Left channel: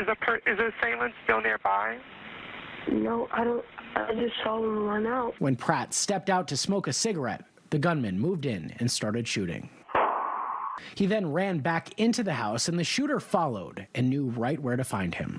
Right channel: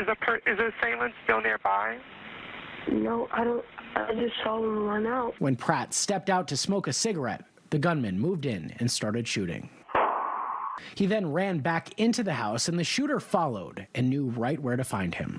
Is the assailant still nearby? No, I don't. I just saw him run out. When Pratt stepped out to smoke a cigarette, the gunman moved in and started shooting. He then ran back into the house, and the shooter followed and knew right where to find him.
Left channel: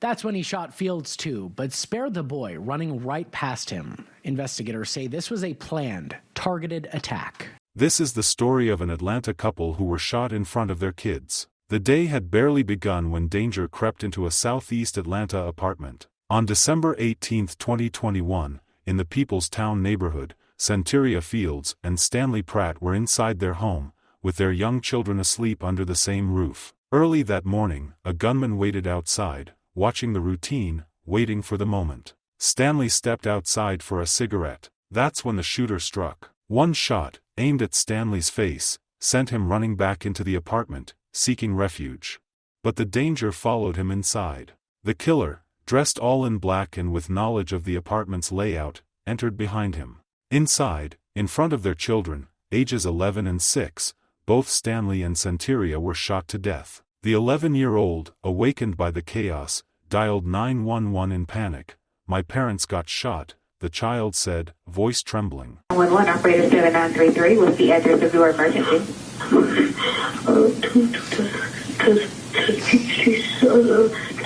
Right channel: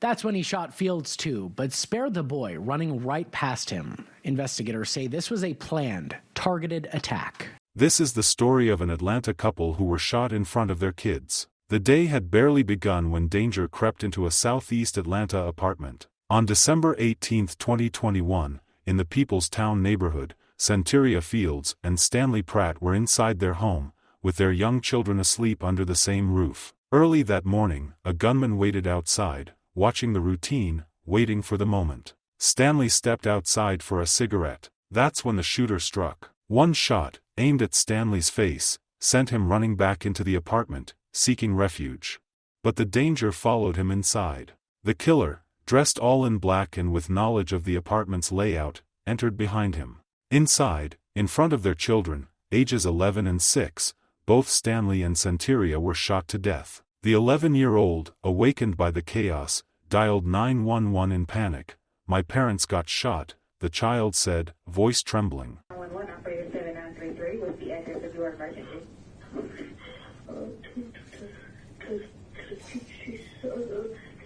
That's when he shot Fields too, but spared the boy running right past him. Investigators say this was a planned, targeted attack. This is the story of an Atlanta couple who were shot in front of their kids. The day had barely begun when danger crept into a southeast Atlanta apartment. On December 18, 2021, in the People's Town neighborhood, Centeria Fields and Stanley Pratt were inside their home, with their young children asleep under the same roof. Early that morning, a gunman waited outside, watching the routine, waiting for the moment. Stanley stepped outside for a cigarette. That's when the shooter struck. One shot, aimed at Stanley's face, sent him running back into the apartment, seeking refuge. But the danger followed him inside. The killer, dressed all in black and with knowledge of the apartment's layout, entered behind him. Inside, in front of their children, ages 11 and 6, both Stanley and Centeria were shot to death. The 11-year-old, awakened by the chaos, dialed 911 in panic. "My parents got shot," the child said, voice trembling. 911 operator 7933, what's the address of your emergency?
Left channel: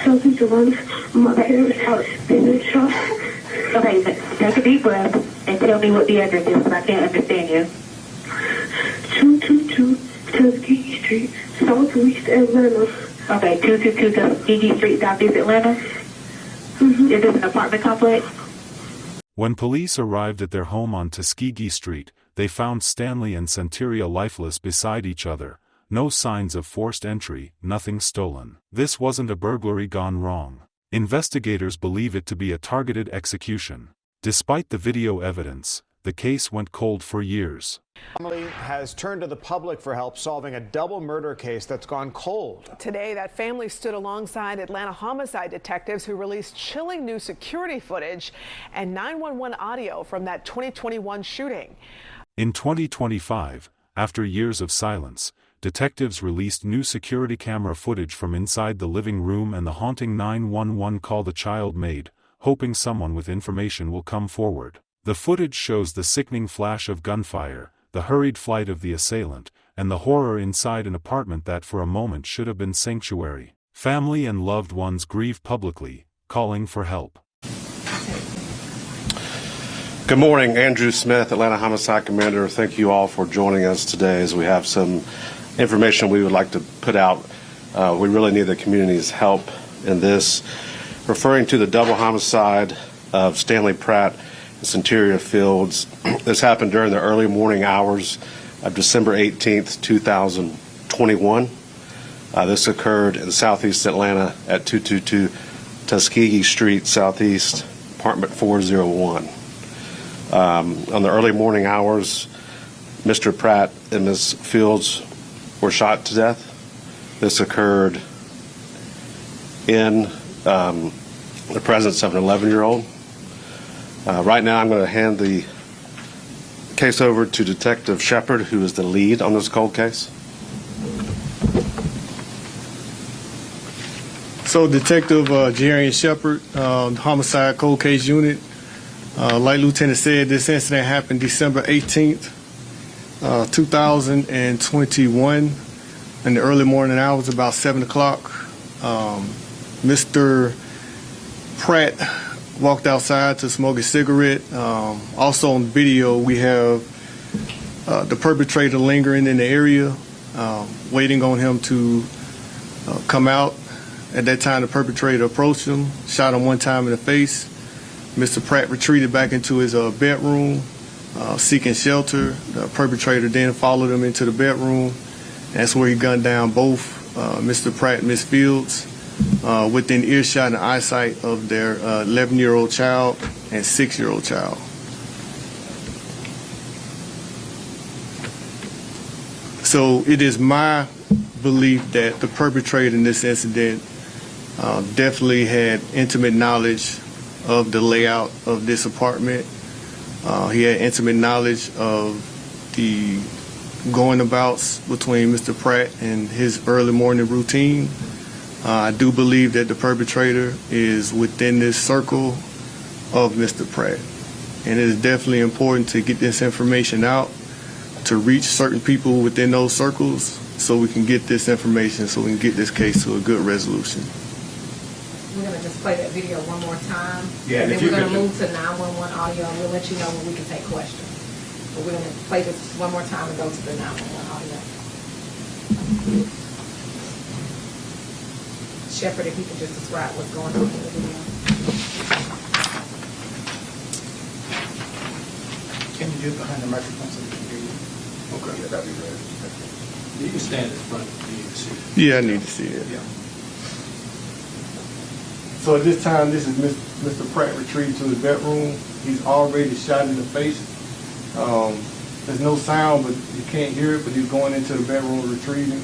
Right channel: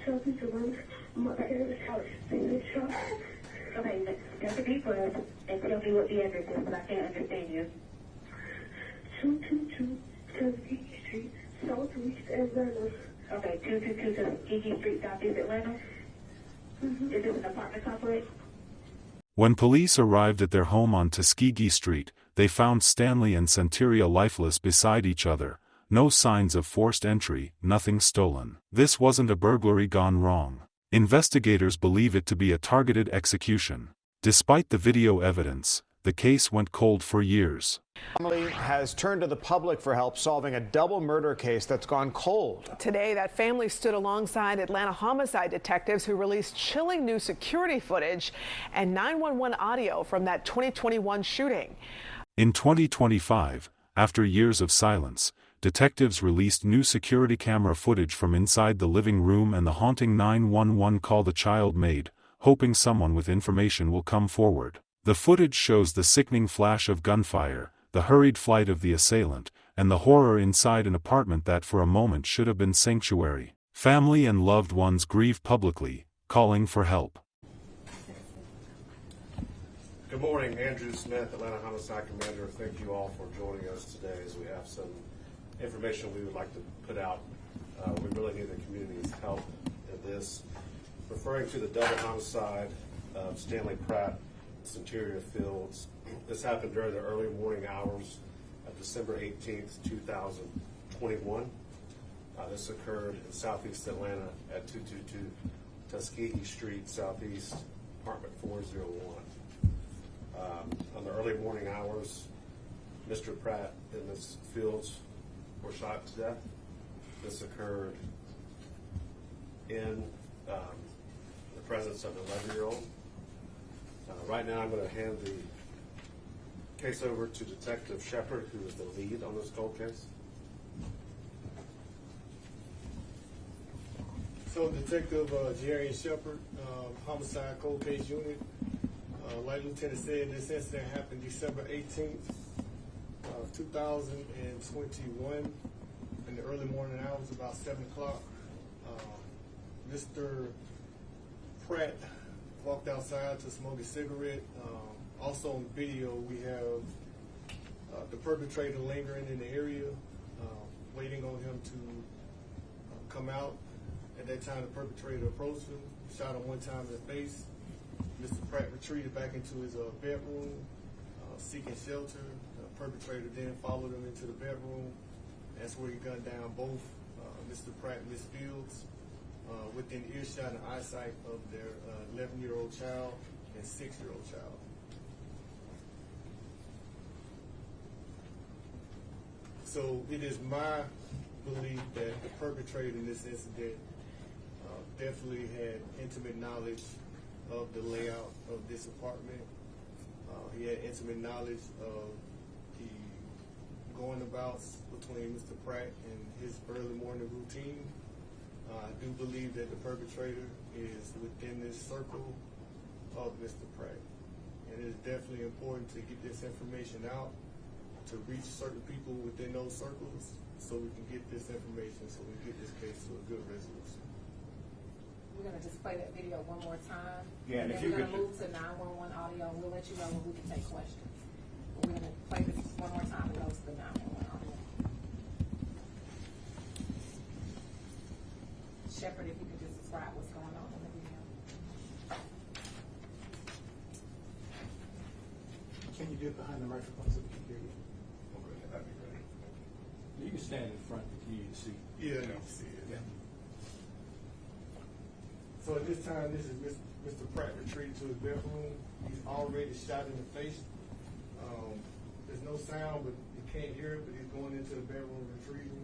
Southeast Atlanta. My parents' house. They've been shot. Okay, take a deep breath and tell me what the address is, because I can't understand you. 222 Tuskegee Street, Southeast Atlanta. Okay, 222 Tuskegee Street, Southeast Atlanta? Mm-hmm. Is this an apartment complex? When police arrived at their home on Tuskegee Street, they found Stanley and Centeria lifeless beside each other. No signs of forced entry, nothing stolen. This wasn't a burglary gone wrong. Investigators believe it to be a targeted execution. Despite the video evidence, the case went cold for years. Family has turned to the public for help solving a double murder case that's gone cold. Today, that family stood alongside Atlanta homicide detectives who released chilling new security footage and 911 audio from that 2021 shooting. In 2025, after years of silence, detectives released new security camera footage from inside the living room and the haunting 911 call the child made, hoping someone with information will come forward. The footage shows the sickening flash of gunfire, the hurried flight of the assailant, and the horror inside an apartment that for a moment should have been sanctuary. Family and loved ones grieve publicly, calling for help. Good morning, Andrew Smith, Atlanta Homicide Commander. Thank you all for joining us today as we have some information we would like to put out. We really need the community's help in this. Referring to the double homicide of Stanley Pratt and Centeria Fields, this happened during the early morning hours of December 18th, 2021. This occurred in southeast Atlanta at 222 Tuskegee Street, Southeast, apartment 401. On the early morning hours, Mr. Pratt and Ms. Fields were shot to death. This occurred in the presence of an 11-year-old. Right now, I'm going to hand the case over to Detective Shepard, who is the lead on this cold case. So, Detective Jerry Shepard, Homicide Cold Case Unit. Like Lieutenant said, this incident happened December 18th, 2021, in the early morning hours, about 7 o'clock. Mr. Pratt walked outside to smoke a cigarette. Also on video, we have the perpetrator lingering in the area, waiting on him to come out. At that time, the perpetrator approached him, shot him one time in the face. Mr. Pratt retreated back into his bedroom, seeking shelter. The perpetrator then followed him into the bedroom. That's where he gunned down both Mr. Pratt and Ms. Fields within earshot and eyesight of their 11-year-old child and 6-year-old child. So it is my belief that the perpetrator in this incident definitely had intimate knowledge of the layout of this apartment. He had intimate knowledge of the going abouts between Mr. Pratt and his early morning routine. I do believe that the perpetrator is within this circle of Mr. Pratt. And it is definitely important to get this information out, to reach certain people within those circles so we can get this information, so we can get this case to a good resolution. We're going to just play that video one more time. Yeah, and then we're going to move to 911 audio, and we'll let you know when we can take questions. But we're going to play this one more time and go to the 911 audio. Shepard, if you can just describe what's going on in the video. Can you get behind the microphone so we can hear you? Okay, yeah, that'd be great. You can stand in front of me to see it. Yeah, I need to see it. Yeah. So at this time, this is Mr. Pratt retrieved to his bedroom. He's already shot in the face. There's no sound, but you can't hear it, but he's going into the bedroom retrieving.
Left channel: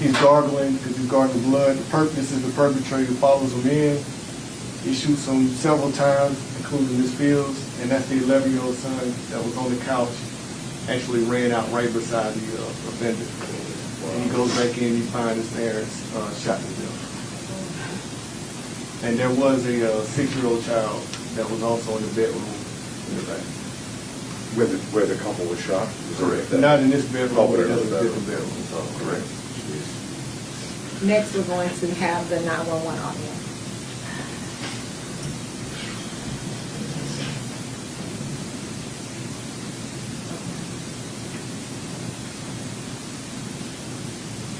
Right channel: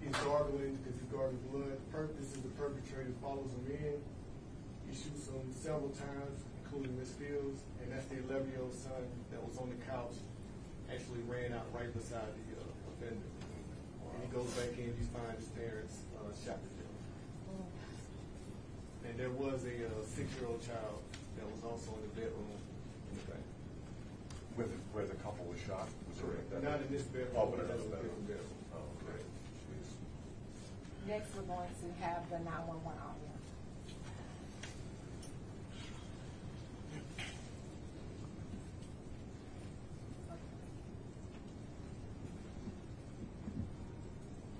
He's gargling because he's gargling blood. This is the perpetrator follows him in. He shoots him several times, including Miss Fields, and that's the 11-year-old son that was on the couch, actually ran out right beside the offender. And he goes back in, he finds his parents shot to death. And there was a 6-year-old child that was also in the bedroom in the back. Where the couple was shot? Correct. Not in this bedroom, but but in that's a another different bedroom. So, correct. Next, we're going to have the 911 audio.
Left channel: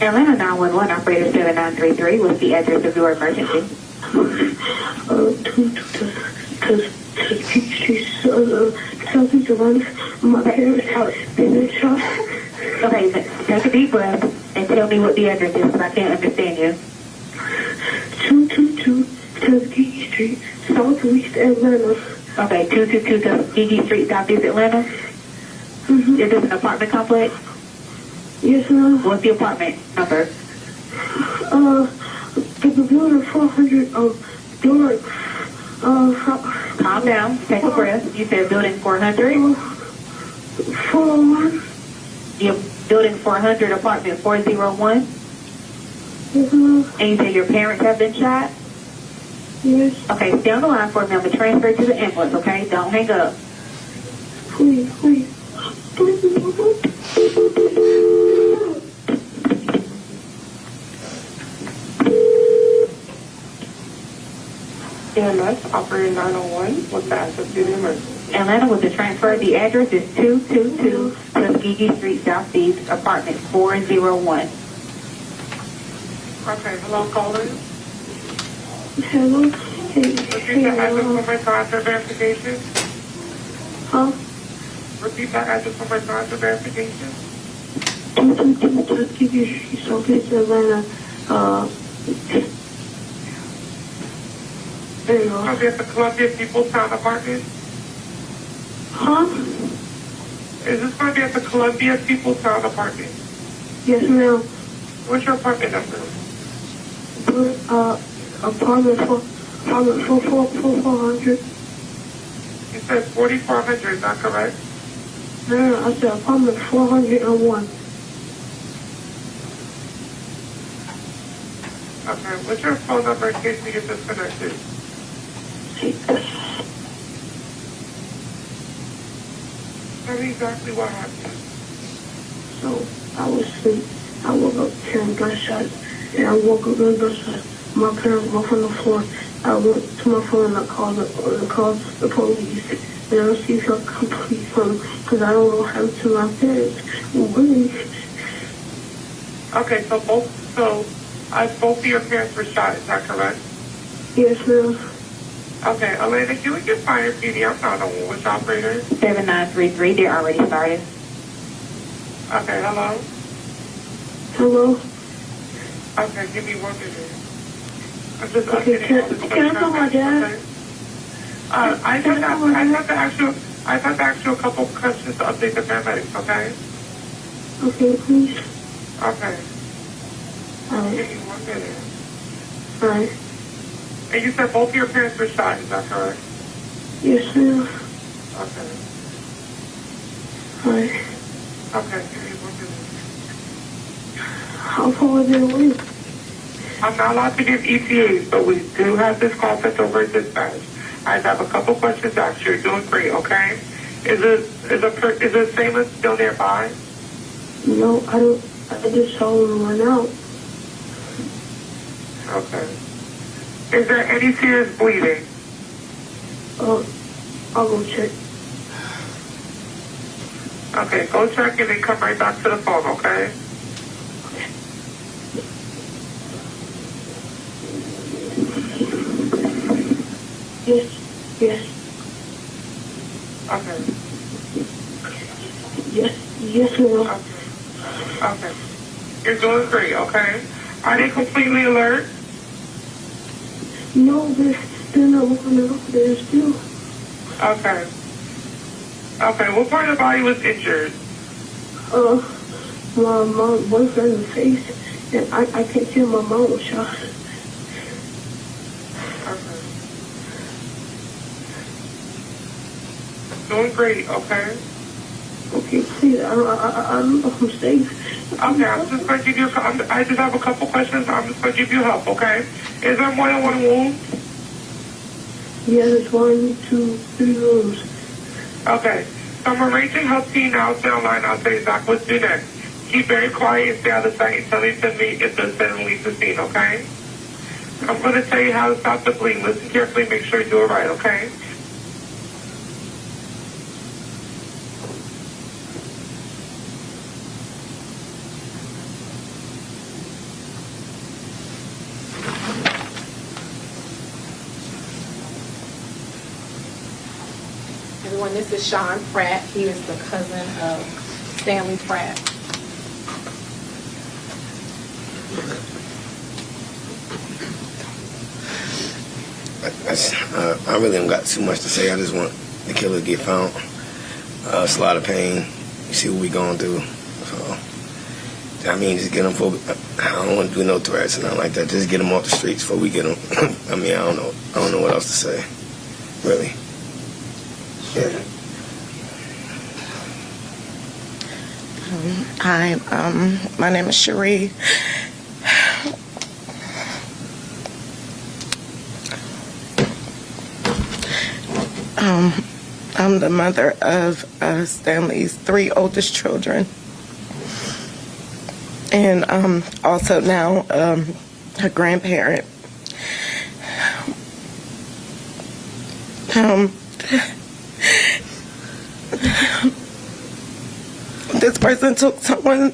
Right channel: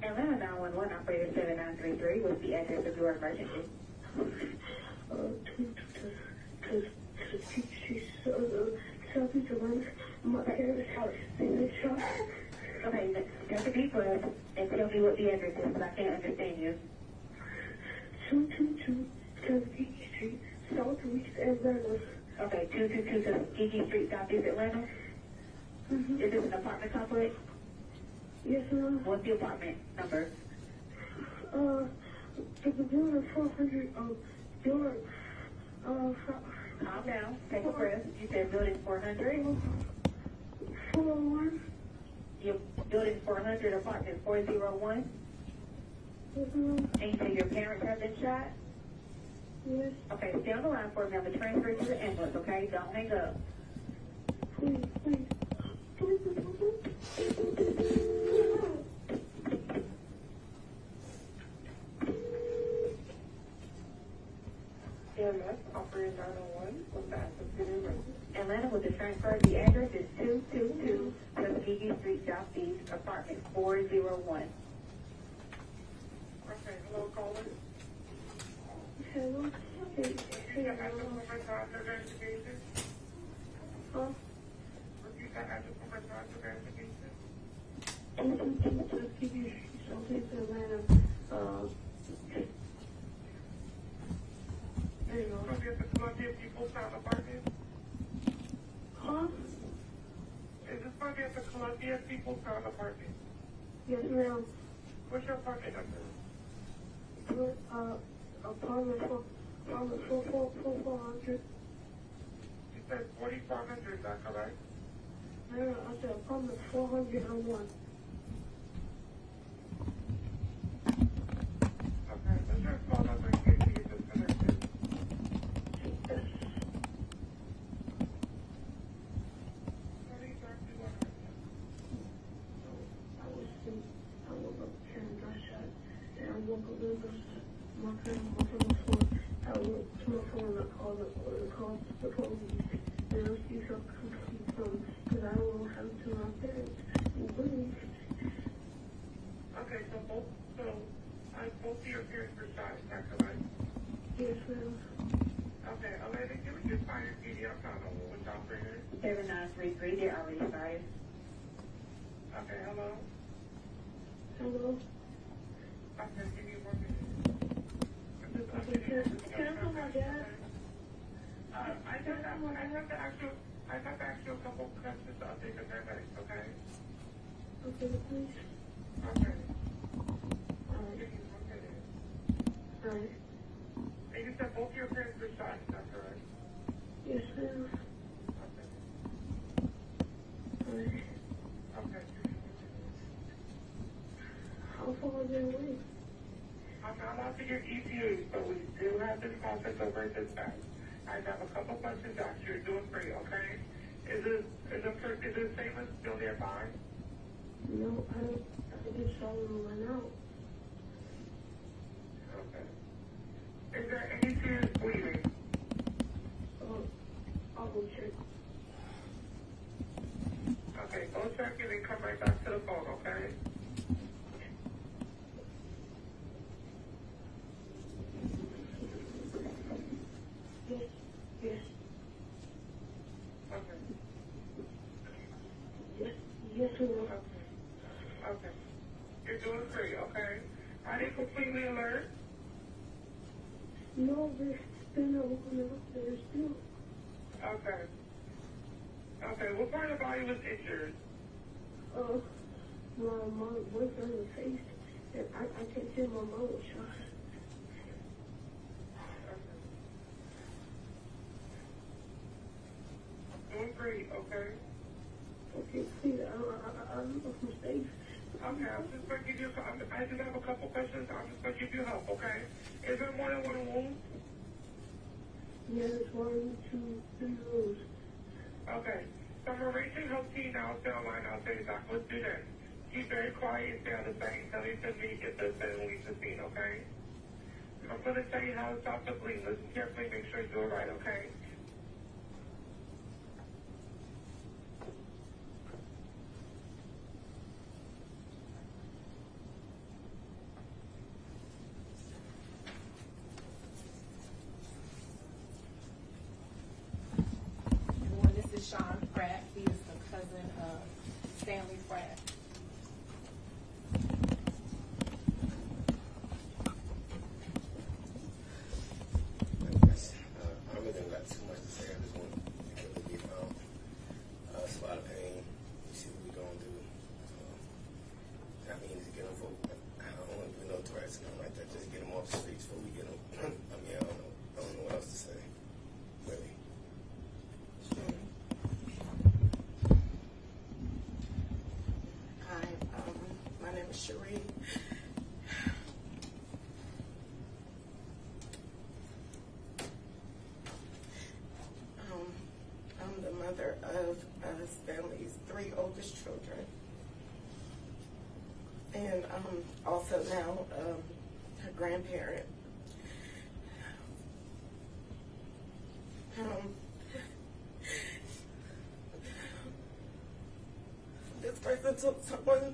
Atlanta 911 operator 7933, what's the address of your emergency? Southeast Atlanta, my parents' house, been shot. Okay, take a deep breath and tell me what the address is because I can't understand you. 222 Tuskegee Street, Southeast Atlanta. Okay, 222 Tuskegee Street, Southeast Atlanta? Mm-hmm. Is this an apartment complex? Yes, ma'am. What's the apartment number? The building 400, door, Calm down, take a breath. You said building 400? 401. Your building 400, apartment 401? Yes, ma'am. And you said your parents have been shot? Yes. Okay, stay on the line for a minute. I'm going to transfer you to the ambulance, okay? Don't hang up. Please. EMS, operator 901, what's the address to the emergency? Atlanta with the transfer. The address is 222 Tuskegee Street, Southeast, apartment 401. Okay, hello, caller. Hello. Repeat the address one more time for verification. Huh? Repeat that address one more time for verification. 222 Tuskegee Street, Southeast Atlanta. There you go. I'll be at the Columbia People's Town apartment. Huh? Is this going to be at the Columbia People's Town apartment? Yes, ma'am. What's your apartment number? Apartment 400. You said 4400, is that correct? No, I said apartment 401. Okay, what's your phone number in case we get disconnected? Tell me exactly what happened. So, I was asleep. I woke up hearing gunshots, and I woke up hearing gunshots. My parents were on the floor. I went to my phone and I called the police. And I received a complete phone because I don't know how to my parents. Okay, so both of your parents were shot, is that correct? Yes, ma'am. Okay, Elena, can we get fire PD? I'm not on which operator. 7933, they're already started. Okay, hello? Hello? Okay, give me 1 minute. I'm just Okay, updating. can I call my dad? I have to ask you a couple questions to update the paramedics, okay? Okay, please. Okay. Alright. Give me 1 minute. Alright. And you said both of your parents were shot, is that correct? Yes, ma'am. Okay. Alright. Okay, give me 1 minute. How far is it away? I'm not allowed to give ETAs, but we do have this call sent over at dispatch. I just have a couple questions to ask you. You're doing great, okay? Is the assailant still nearby? No, I don't. I just saw him run out. Okay. Is there any serious bleeding? I'll go check. Okay, go check and then come right back to the phone, okay? Yes, yes. Okay. Yes, ma'am. Okay. You're doing great, okay? Are they completely alert? No, they're not looking out. They're still. Okay. Okay, what part of the body was injured? My boyfriend in the face, and I can't tell my mom was shot. Okay. Doing great, okay? Okay, please, I don't know if I'm safe. Okay, I'm just going to give you I just have a couple questions. I'm just going to give you help, okay? Is there more than one wound? Yeah, there's 1, 2, 3 rooms. Okay. So I'm arranging help team now. Stay online. I'll tell you exactly what to do next. Keep very quiet and stay out of sight until they send me if the assailant leaves the scene, okay? I'm going to tell you how to stop the bleeding. Listen carefully. Make sure you do it right, okay? Everyone, this is Sean Pratt. He is the cousin of Stanley Pratt. I really don't got too much to say. I just want the killer to get found. It's a lot of pain. You see what we going through. So, I mean, just get them for. I don't want to do no threats and nothing like that. Just get them off the streets before we get them. I mean, I don't know what else to say. Really. Yeah. Hi, my name is Cherie. I'm the mother of Stanley's 3 oldest children, and also now a grandparent. This person took someone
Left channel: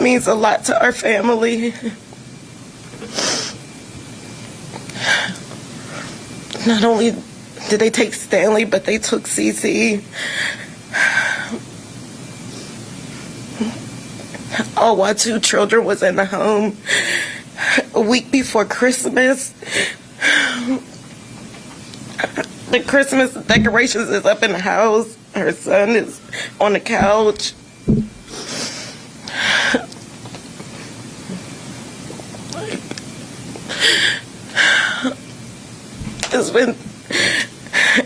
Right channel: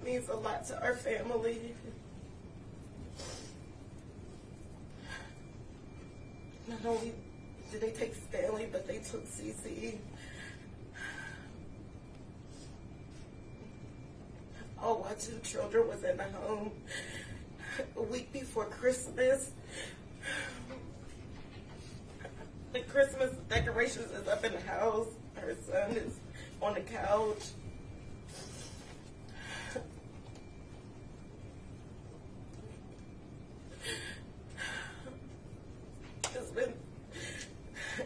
means a lot to our family. Not only did they take Stanley, but they took Cece. All while 2 children was in the home. A week before Christmas, the Christmas decorations is up in the house. Her son is on the couch.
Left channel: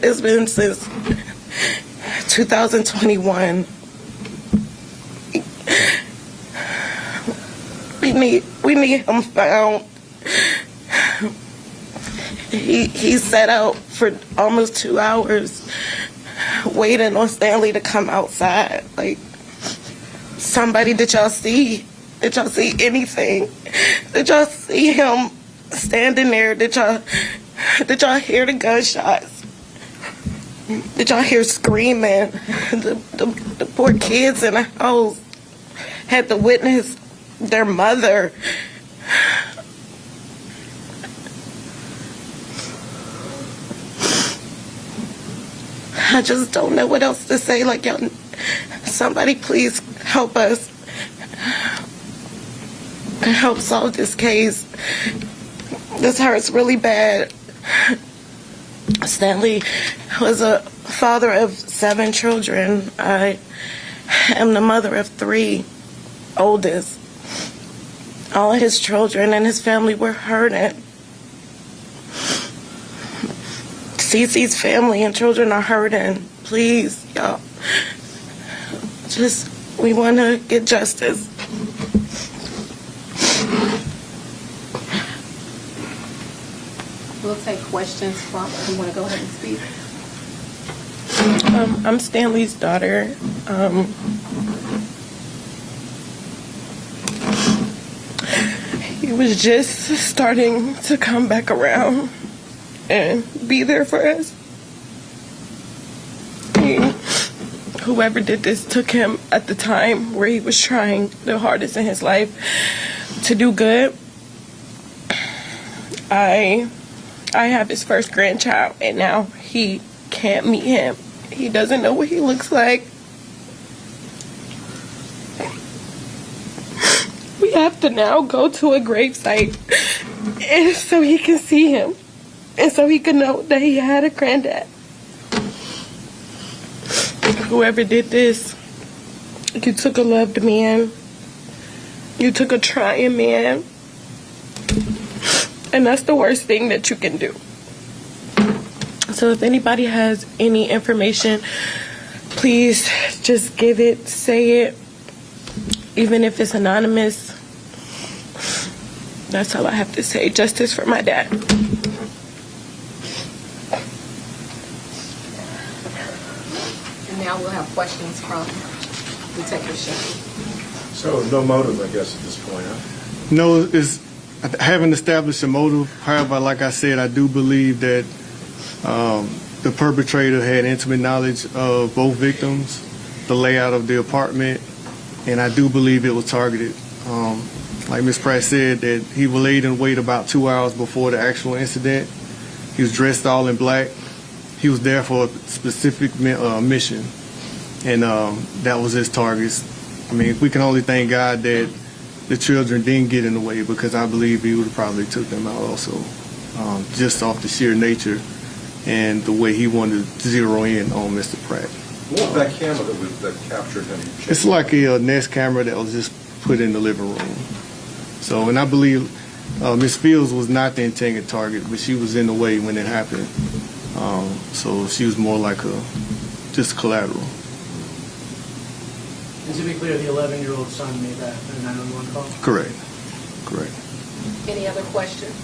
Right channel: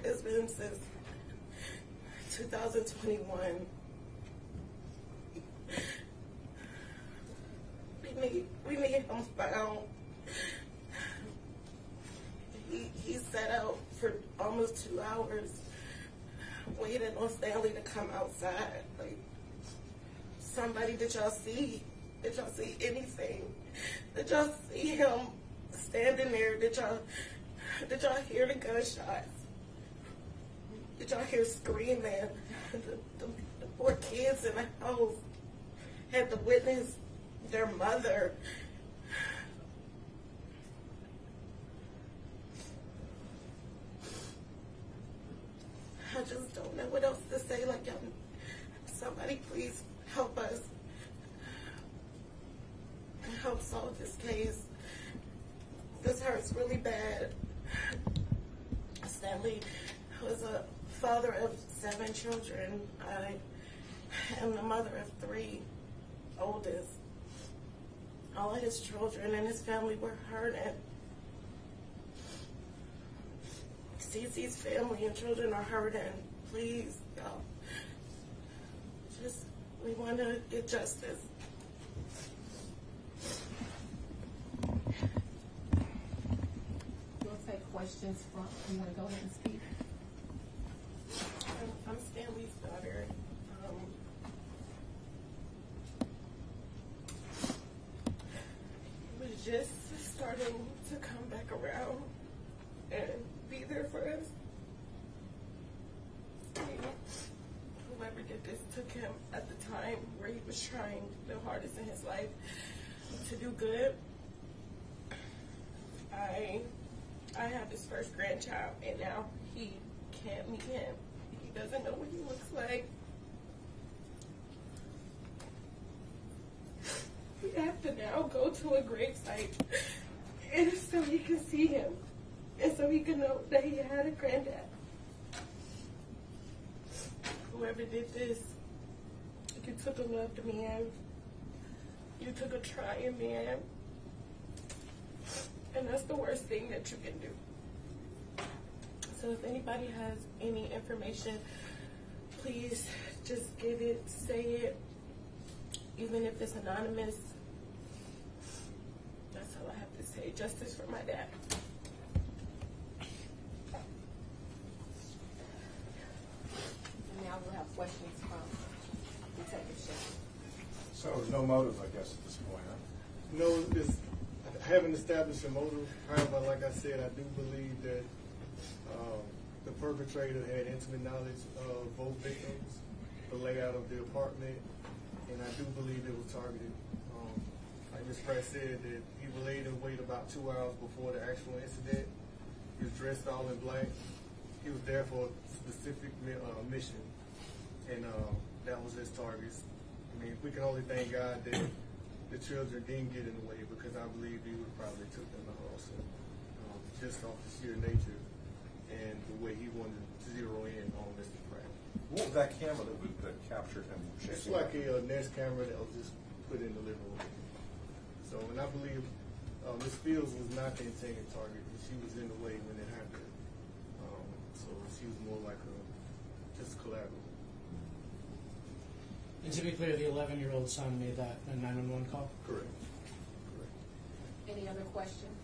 It's been since 2021. We need him found. He sat out for almost 2 hours waiting on Stanley to come outside. Like, somebody, did y'all see anything? Did y'all see him standing there? Did y'all hear the gunshots? Did y'all hear screaming? The poor kids in the house had to witness their mother. I just don't know what else to say. Like, y'all, somebody please help us. Help solve this case. This hurts really bad. Stanley was a father of 7 children. I am the mother of 3, oldest. All of his children and his family were hurting. Cece's family and children are hurting. Please, y'all, just We want to get justice. We'll take questions from, you want to go ahead and speak? I'm Stanley's daughter. He was just starting to come back around and be there for us. Whoever did this took him at the time where he was trying the hardest in his life to do good. I have his first grandchild, and now he can't meet him. He doesn't know what he looks like. We have to now go to a gravesite and so he can see him and so he can know that he had a granddad. Whoever did this, you took a loved man, you took a trying man, and that's the worst thing that you can do. So if anybody has any information, please just give it, say it, even if it's anonymous. That's all I have to say. Justice for my dad. And now we'll have questions from the technician. So no motive, I guess, at this point, huh? No, I haven't established a motive. However, like I said, I do believe that the perpetrator had intimate knowledge of both victims, the layout of the apartment, and I do believe it was targeted. Like Ms. Pratt said, that he laid in wait about 2 hours before the actual incident. He was dressed all in black. He was there for a specific mission, and that was his targets. I mean, we can only thank God that the children didn't get in the way, because I believe he would have probably took them out also, just off the sheer nature and the way he wanted to zero in on Mr. Pratt. What was that camera that captured him? It's like a Nest camera that was just put in the living room. So, and I believe Ms. Fields was not the intended target, but she was in the way when it happened. So she was more like just collateral. And to be clear, the 11-year-old son made that 911 call? Correct. Correct. Any other questions?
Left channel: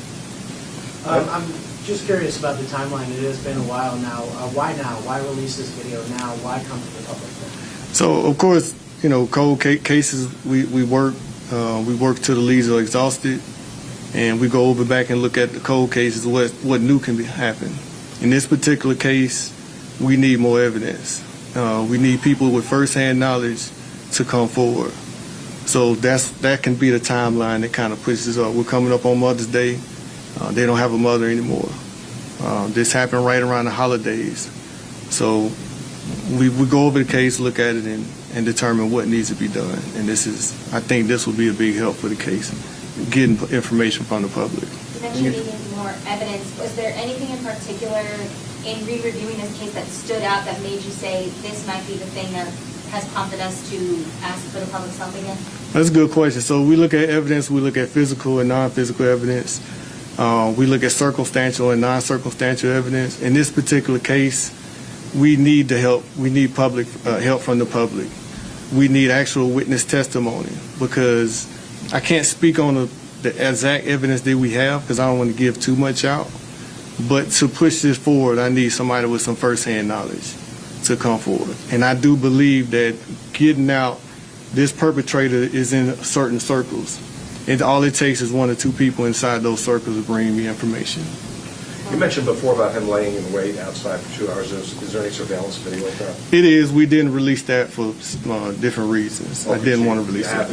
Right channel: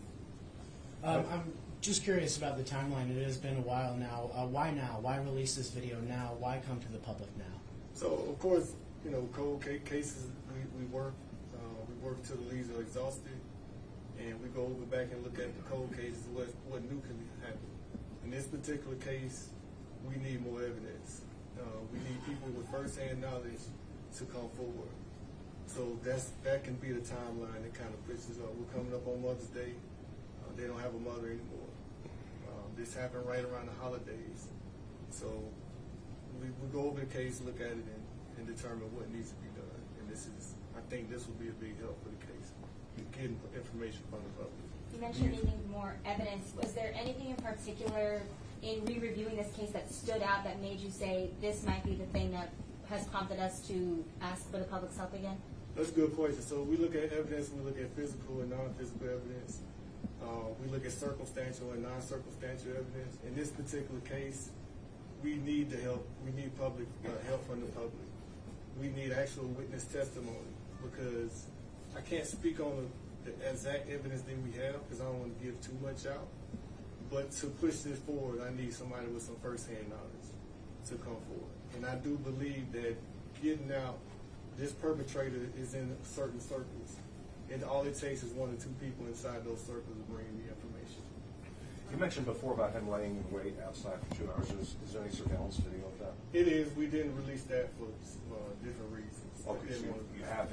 I'm just curious about the timeline. It has been a while now. Why now? Why release this video now? Why come to the public now? So, of course, you know, cold cases, we work till the leads are exhausted, and we go over back and look at the cold cases, what new can happen. In this particular case, we need more evidence. We need people with first-hand knowledge to come forward. So that can be the timeline that kind of pushes up. We're coming up on Mother's Day. They don't have a mother anymore. This happened right around the holidays. So we go over the case, look at it, and determine what needs to be done. And I think this will be a big help for the case, getting information from the public. You mentioned needing more evidence. Was there anything in particular in re-reviewing this case that stood out that made you say this might be the thing that has prompted us to ask for the public's help again? That's a good question. So we look at evidence, we look at physical and non-physical evidence. We look at circumstantial and non-circumstantial evidence. In this particular case, we need the help. We need public help from the public. We need actual witness testimony, because I can't speak on the exact evidence that we have, because I don't want to give too much out. But to push this forward, I need somebody with some first-hand knowledge to come forward. And I do believe that getting out, this perpetrator is in certain circles. And all it takes is 1 or 2 people inside those circles to bring me information. You mentioned before about him laying in wait outside for 2 hours. Is there any surveillance video of that? It is. We didn't release that for different reasons. I didn't want to release that.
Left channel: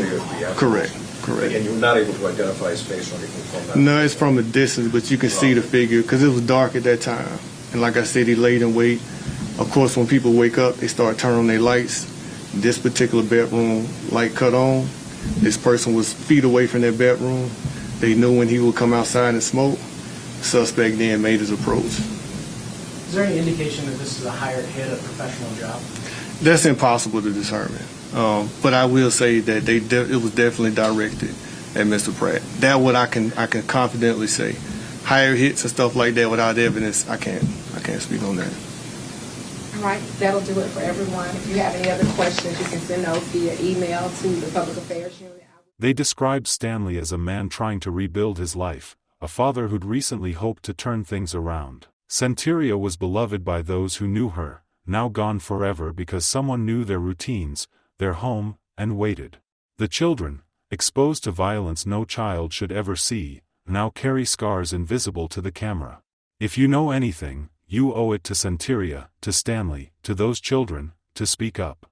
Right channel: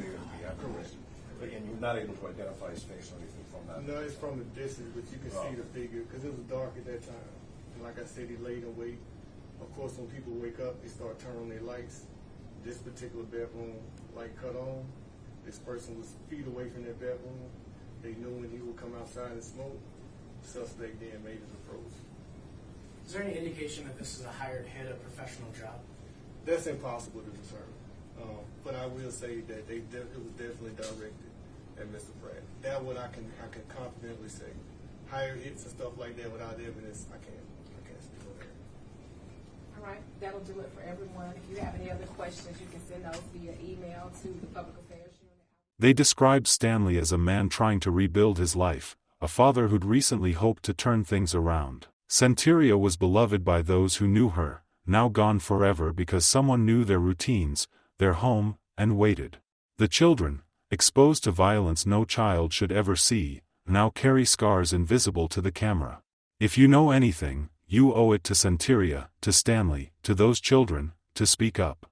Correct. Correct. And you were not able to identify his face or anything from that? No, it's from a distance, but you can see the figure, because it was dark at that time. And like I said, he laid in wait. Of course, when people wake up, they start turning on their lights. This particular bedroom light cut on. This person was feet away from their bedroom. They knew when he would come outside and smoke. Suspect then made his approach. Is there any indication that this is a hired hit, a professional job? That's impossible to determine. But I will say that it was definitely directed at Mr. Pratt. That what I can confidently say. Higher hits and stuff like that without evidence, I can't speak on that. All right, that'll do it for everyone. If you have any other questions, you can send those via email to the Public Affairs Unit. They described Stanley as a man trying to rebuild his life, a father who'd recently hoped to turn things around. Centeria was beloved by those who knew her, now gone forever because someone knew their routines, their home, and waited. The children, exposed to violence no child should ever see, now carry scars invisible to the camera. If you know anything, you owe it to Centeria, to Stanley, to those children, to speak up.